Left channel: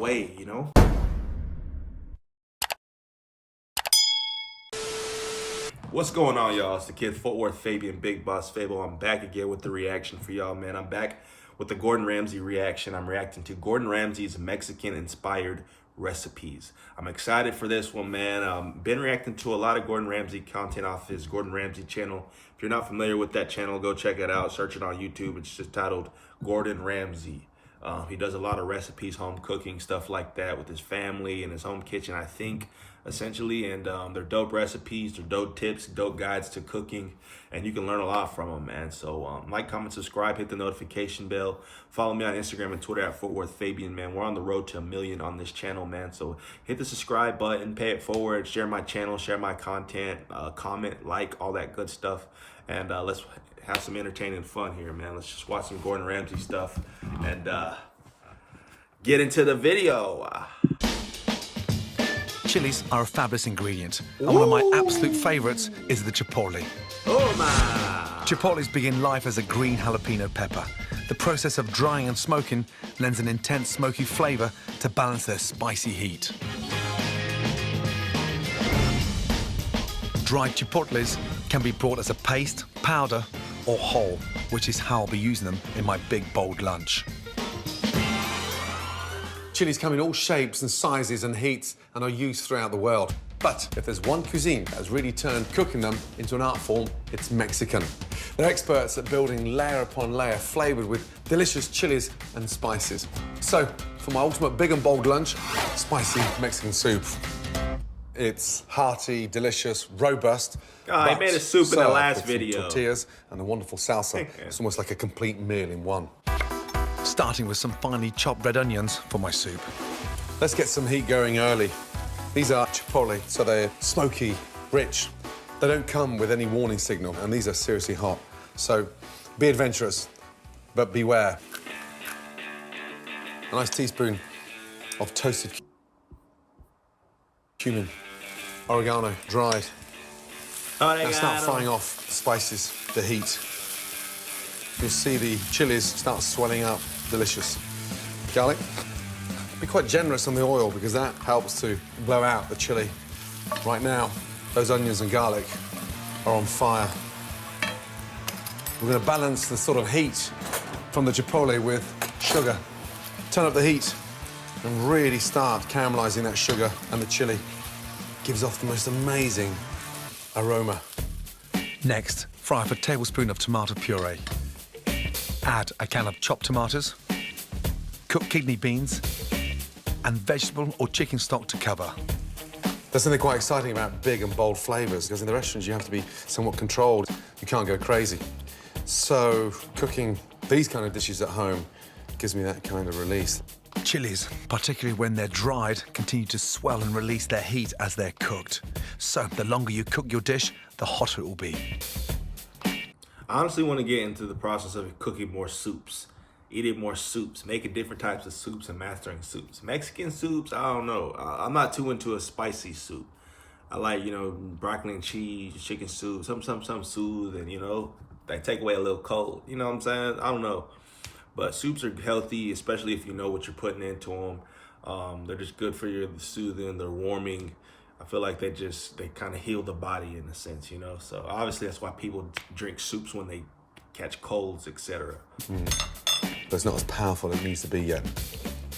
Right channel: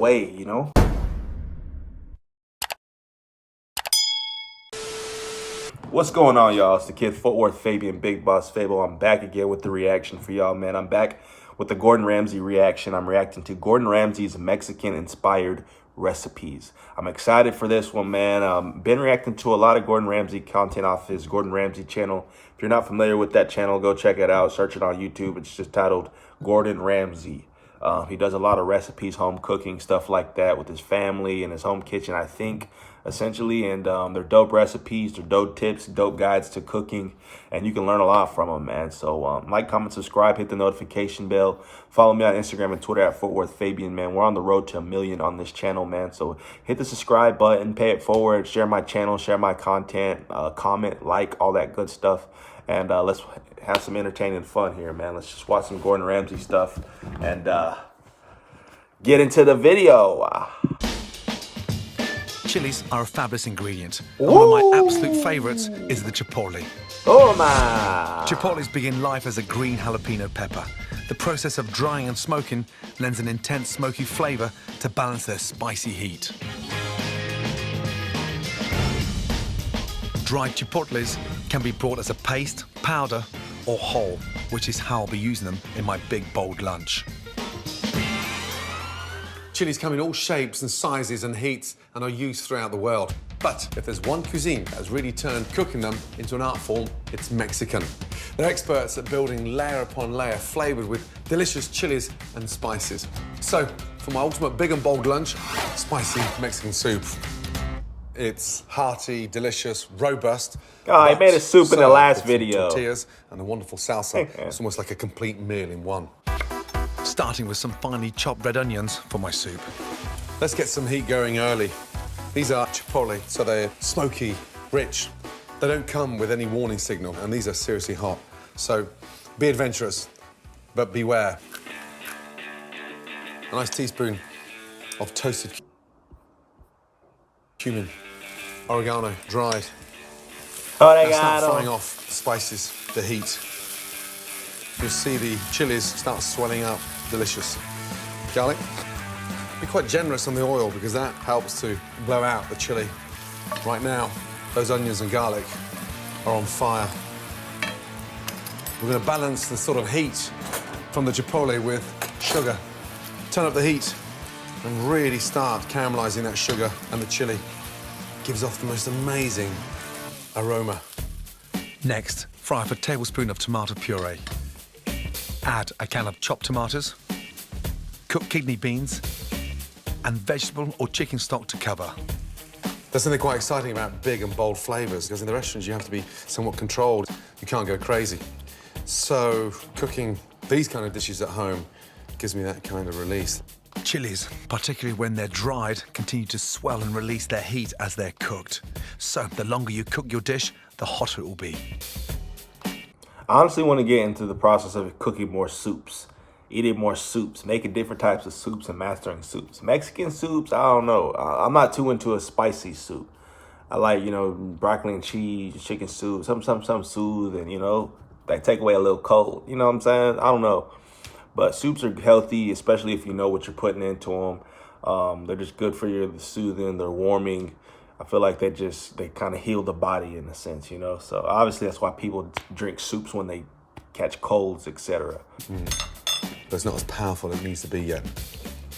way, you know? What's going on, y'all? It's the kid Footwork Fabian, Big Boss Fabo. I'm back again with the reaction for y'all, man. I'm back with the Gordon Ramsay reaction. I'm reacting to Gordon Ramsay's Mexican-inspired recipes. I'm excited for this one, man. Been reacting to a lot of Gordon Ramsay content off his Gordon Ramsay channel. If you're not familiar with that channel, go check it out. Search it on YouTube. It's just titled Gordon Ramsay. He does a lot of recipes, home cooking, stuff like that with his family and his home kitchen, I think, essentially. And they're dope recipes, they're dope tips, dope guides to cooking, and you can learn a lot from them, man. So like, comment, subscribe, hit the notification bell. Follow me on Instagram and Twitter at FootworthFabian, man. We're on the road to 1 million on this channel, man. So hit the subscribe button, pay it forward, share my channel, share my content, comment, like, all that good stuff. And let's have some entertaining fun here, man. Let's just watch some Gordon Ramsay stuff and get into the video. Chilies are a fabulous ingredient, and one of my absolute favorites is the chipotle. Oh my! Chipotles begin life as a green jalapeno pepper. The process of drying and smoking lends an intense smoky flavor to balance their spicy heat. Dried chipotles can be brought as a paste, powder, or whole, which is how I'll be using them in my big, bold lunch. Chilies come in all shapes and sizes and heats and are used throughout the world. But if there's one cuisine that has really turned cooking them into an art form, it's Mexican. They're experts at building layer upon layer, flavored with delicious chilies and spices. So, for my ultimate big and bold lunch, spicy Mexican soup. It's hearty, delicious, robust. Oh, I made a soup in the last video. Tortillas and a wonderful salsa. It's almost like a complete meal in one. Starting with some finely chopped red onions for my soup. Let's get some heat going early. These are chipotle, so they're smoky, rich. They don't come with any warning signal, and these are seriously hot. So be adventurous, but beware. A nice teaspoon of toasted cumin, oregano, dried. Now start frying off the spices, the heat. You'll see the chilies start swelling up. Delicious. Garlic. Be quite generous on the oil because that helps to blow out the chili. Right now, those onions and garlic are on fire. We're going to balance the sort of heat from the chipotle with sugar. Turn up the heat and really start caramelizing that sugar and the chili. Gives off the most amazing aroma. Next, fry up a tablespoon of tomato puree. Add a can of chopped tomatoes, cooked kidney beans, and vegetable or chicken stock to cover. There's something quite exciting about big and bold flavors, because in the restaurants you have to be somewhat controlled. You can't go crazy. So cooking these kind of dishes at home gives me that kind of release. Chilies, particularly when they're dried, continue to swell and release their heat as they're cooked. So the longer you cook your dish, the hotter it will be. I honestly want to get into the process of cooking more soups, eating more soups, making different types of soups and mastering soups. Mexican soups, I don't know. I'm not too into a spicy soup. I like, you know, broccoli and cheese, chicken soup, some soothe and, you know, like take away a little cold. You know what I'm saying? I don't know. But soups are healthy, especially if you know what you're putting into them. They're just good for your soothing, they're warming. I feel like they kind of heal the body in a sense, you know? So obviously that's why people drink soups when they catch colds, etc. But it's not as powerful as it needs to be yet.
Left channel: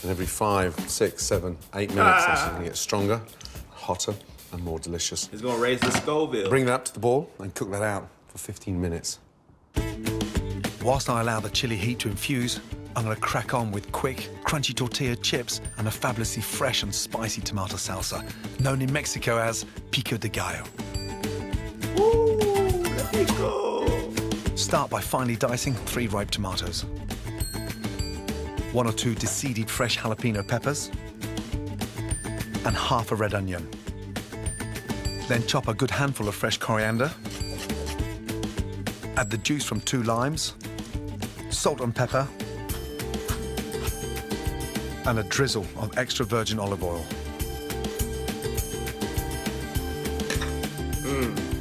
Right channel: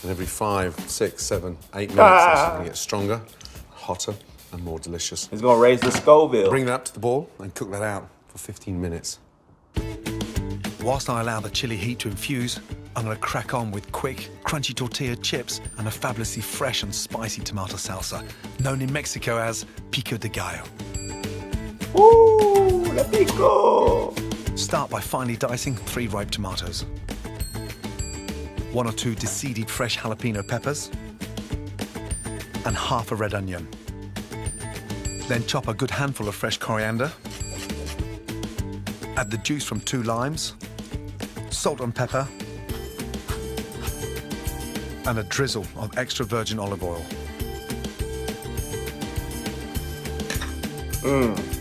And every 5, 6, 7, 8 minutes, it's going to get stronger, hotter, and more delicious. It's going to raise the Scoville. Bring that up to the boil and cook that out for 15 minutes. Whilst I allow the chili heat to infuse, I'm going to crack on with quick, crunchy tortilla chips and a fabulously fresh and spicy tomato salsa, known in Mexico as pico de gallo. Ooh, let me go. Start by finely dicing 3 ripe tomatoes, 1 or 2 deseeded fresh jalapeno peppers, and half a red onion. Then chop a good handful of fresh coriander, add the juice from 2 limes, salt and pepper, and a drizzle of extra virgin olive oil.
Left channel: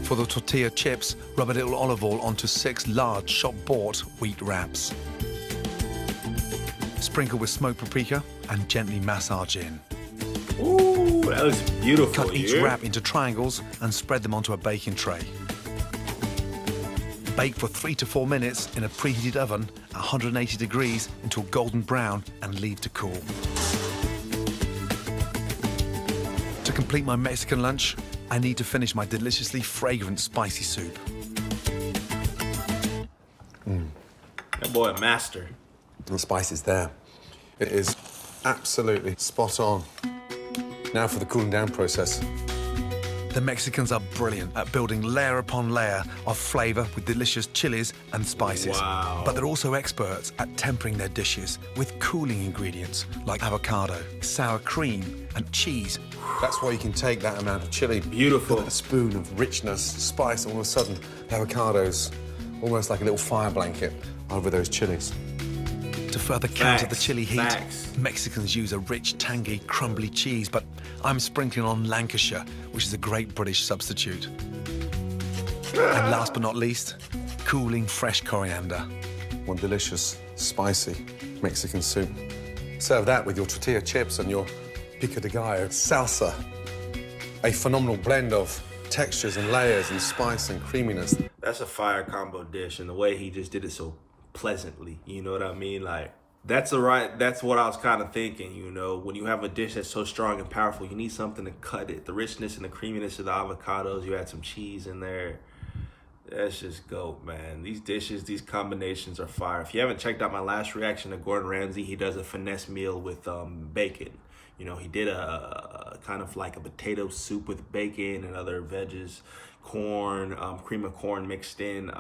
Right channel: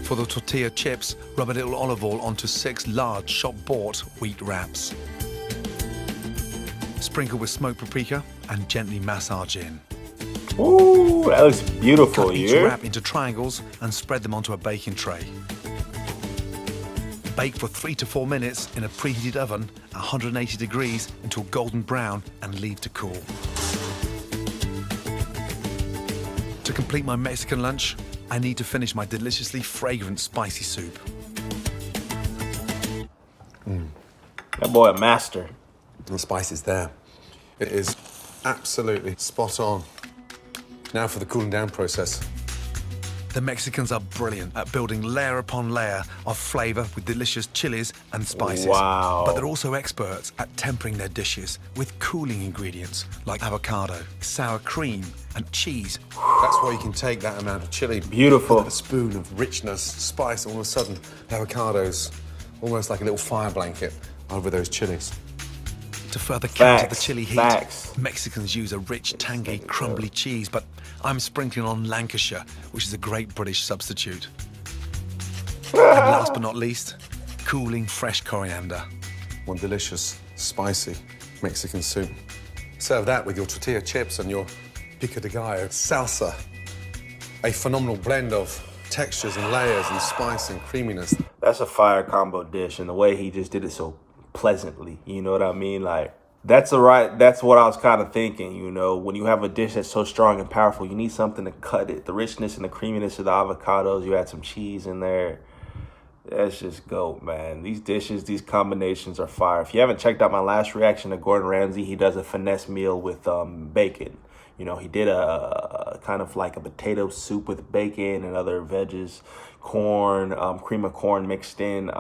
For the tortilla chips, rub a little olive oil onto 6 large shop-bought wheat wraps. Sprinkle with smoked paprika and gently massage in. Ooh, that looks beautiful. Cut each wrap into triangles and spread them onto a baking tray. Bake for 3 to 4 minutes in a preheated oven at 180 degrees until golden brown and leave to cool. To complete my Mexican lunch, I need to finish my deliciously fragrant spicy soup. That boy a master. The spice is there. It is absolutely spot on. Now for the cooling down process. The Mexicans are brilliant at building layer upon layer of flavor with delicious chilies and spices. Wow. But they're also experts at tempering their dishes with cooling ingredients like avocado, sour cream, and cheese. That's why you can take that amount of chili. Beautiful. Put a spoon of richness, spice, and all of a sudden, the avocado's almost like a little fire blanket over those chilies. To further counter the chili heat, Mexicans use a rich, tangy, crumbly cheese, but I'm sprinkling on Lancashire, which is a great British substitute. And last but not least, cooling fresh coriander. One delicious, spicy Mexican soup. Serve that with your tortilla chips and your pico de gallo salsa. A phenomenal blend of textures and layers and spice and creaminess. That's a fire combo dish, and the way he just did it so pleasantly, you know what I mean? Like, that's what I was kind of thinking, you know, when you have a dish that's so strong and powerful, you need something to cut it. The richness and the creaminess of the avocados, you add some cheese in there. That's just goat, man. These dishes, these combinations are fire. If you haven't checked out my last reaction to Gordon Ramsay, he does a finesse meal with bacon. You know, he did a kind of like a potato soup with bacon and other veggies, corn, cream of corn mixed in,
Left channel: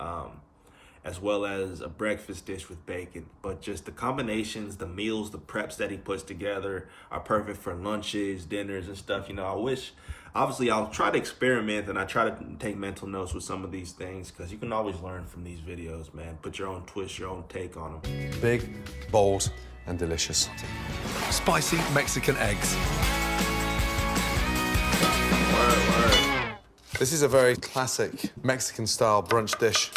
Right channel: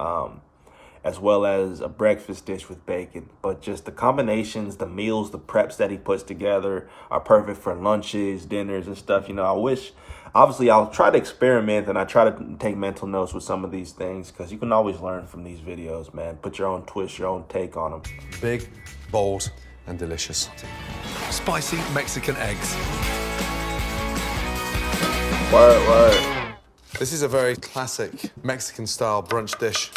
as well as a breakfast dish with bacon. But just the combinations, the meals, the preps that he puts together are perfect for lunches, dinners, and stuff. You know, obviously I'll try to experiment and I try to take mental notes with some of these things because you can always learn from these videos, man. Put your own twist, your own take on them. Big, bold, and delicious. Spicy Mexican eggs. Word. This is a very classic Mexican-style brunch dish.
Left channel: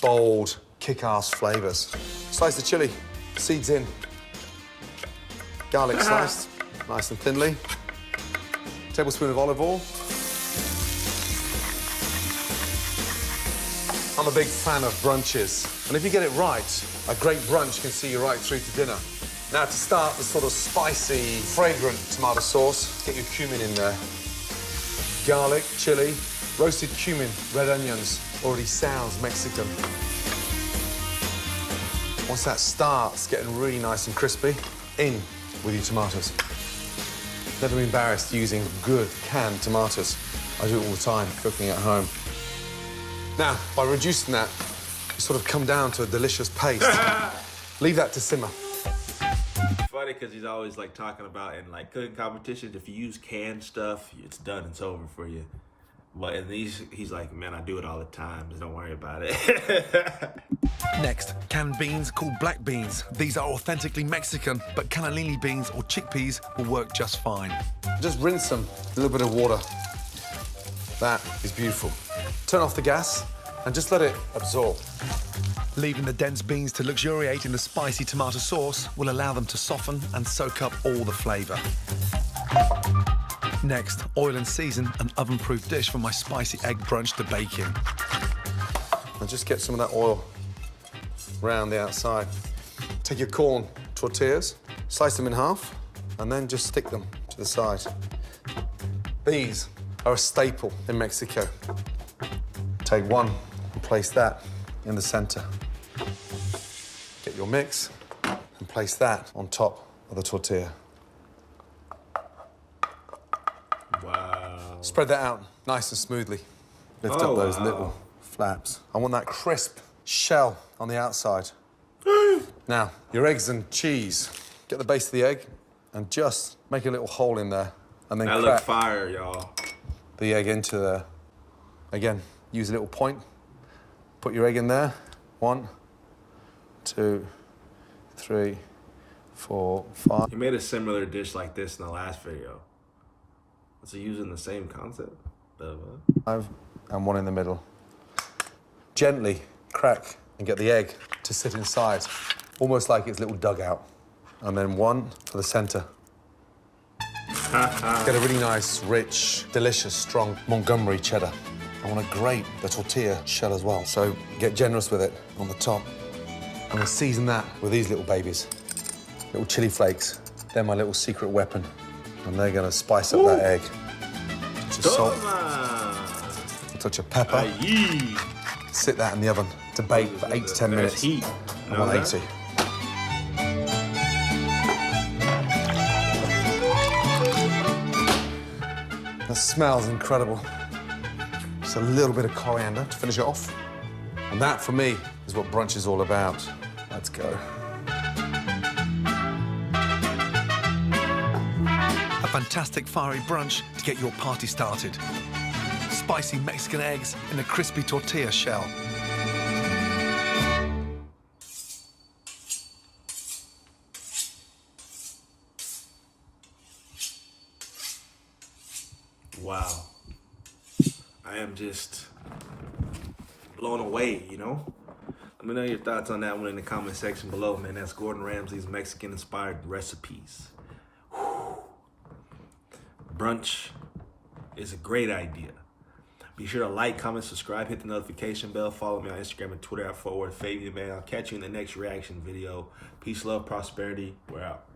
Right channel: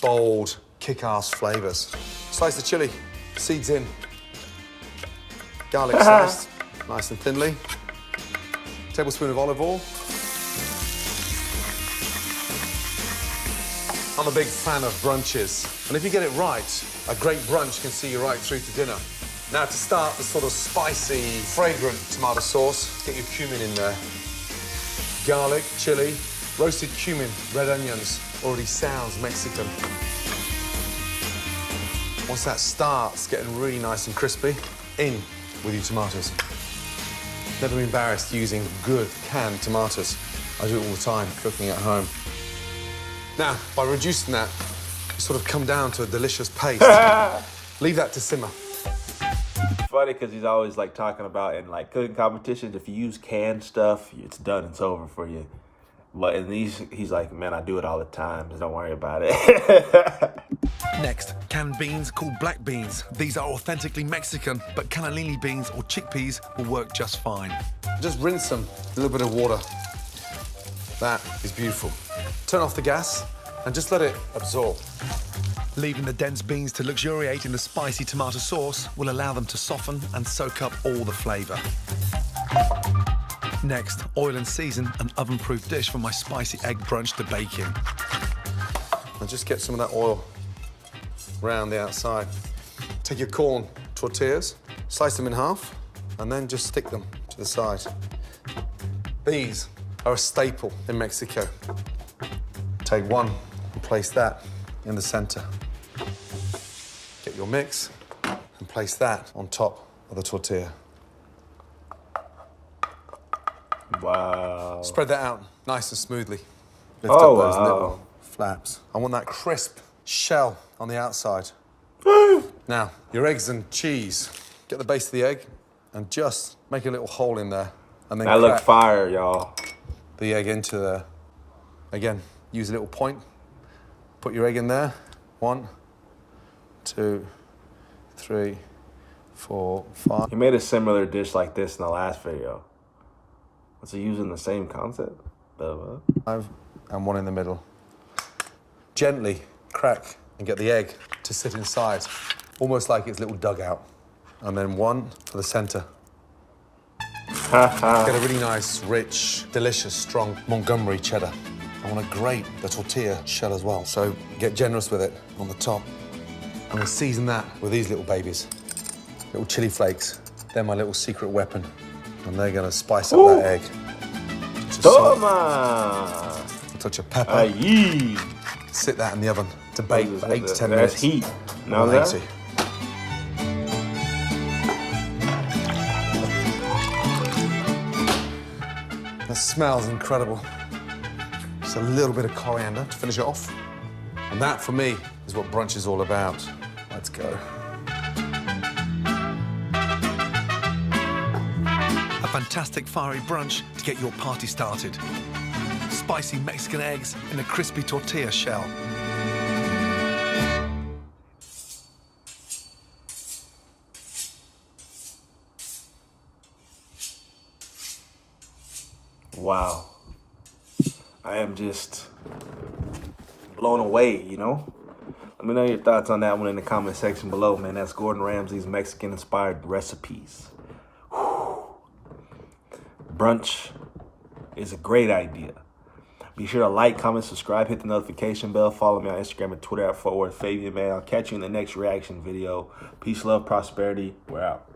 Bold, kick-ass flavors. Slice the chili, seeds in. Garlic sliced, nice and thinly. Tablespoon of olive oil. I'm a big fan of brunches, and if you get it right, a great brunch can see you right through to dinner. Now to start the sort of spicy, fragrant tomato sauce, get your cumin in there. Garlic, chili, roasted cumin, red onions. Already sounds Mexican. Once that starts getting really nice and crispy, in with your tomatoes. Never be embarrassed using good canned tomatoes. I do it all the time, cooking at home. Now, by reducing that, you sort of come down to a delicious paste. Leave that to simmer. Funny because he's always like talking about in like cooking competitions, if you use canned stuff, it's done, it's over for you. But he's like, man, I do it all the time, just don't worry about it. Next, canned beans called black beans. These are authentically Mexican, but cannellini beans or chickpeas will work just fine. Just rinse them, a little bit of water. That is beautiful. Turn off the gas and just let it absorb. Leaving the dense beans to luxuriate in the spicy tomato sauce will allow them to soften and soak up all the flavour. Next, oil and season an oven-proof dish for my spicy egg brunch to bake in. And just get some of that oil around the outside. Take your corn tortillas, slice them in half, and then just stick them to the side. These are a staple in Mexico. Take one and place that in the center. Get your mix and place that on top of the tortilla. Wow. Spread that out nice and smoothly. Lift up those little flaps. I want that crisp shell on the outside. Now, your eggs and cheese. Get the base of the egg and just make a little hole in there and then that crack looks fire, y'all. the egg into there. Again, use a little point. Put your egg in there. 1, 2, 3, 4, 5. He made a similar dish like this in the last video. Was he using the same concept? 5 and 1 in the middle. Gently crack and get the egg to sit inside, almost like its little dugout. And then 1 for the center. Get a really nice, rich, delicious, strong Montgomery cheddar. I want to grate the tortilla shell as well, so get generous with it on the top. I'm gonna season that with these little babies. Little chili flakes. They're my little secret weapon. And they're gonna spice up that egg. Touch of salt. A touch of pepper. Sit that in the oven to bake for 8 to 10 minutes. 180. That smells incredible. Just a little bit of coriander to finish it off. And that, for me, is what brunch is all about. Let's go. A fantastic fiery brunch to get your party started. Spicy Mexican eggs in a crispy tortilla shell. Wow. I am just blown away, you know? Let me know your thoughts on that one in the comment section below, man. That's Gordon Ramsay's Mexican-inspired recipes. Whew. Brunch is a great idea. Be sure to like, comment, subscribe, hit the notification bell. Follow me on Instagram and Twitter at @FabianMan. I'll catch you in the next reaction video. Peace, love, prosperity. We're out.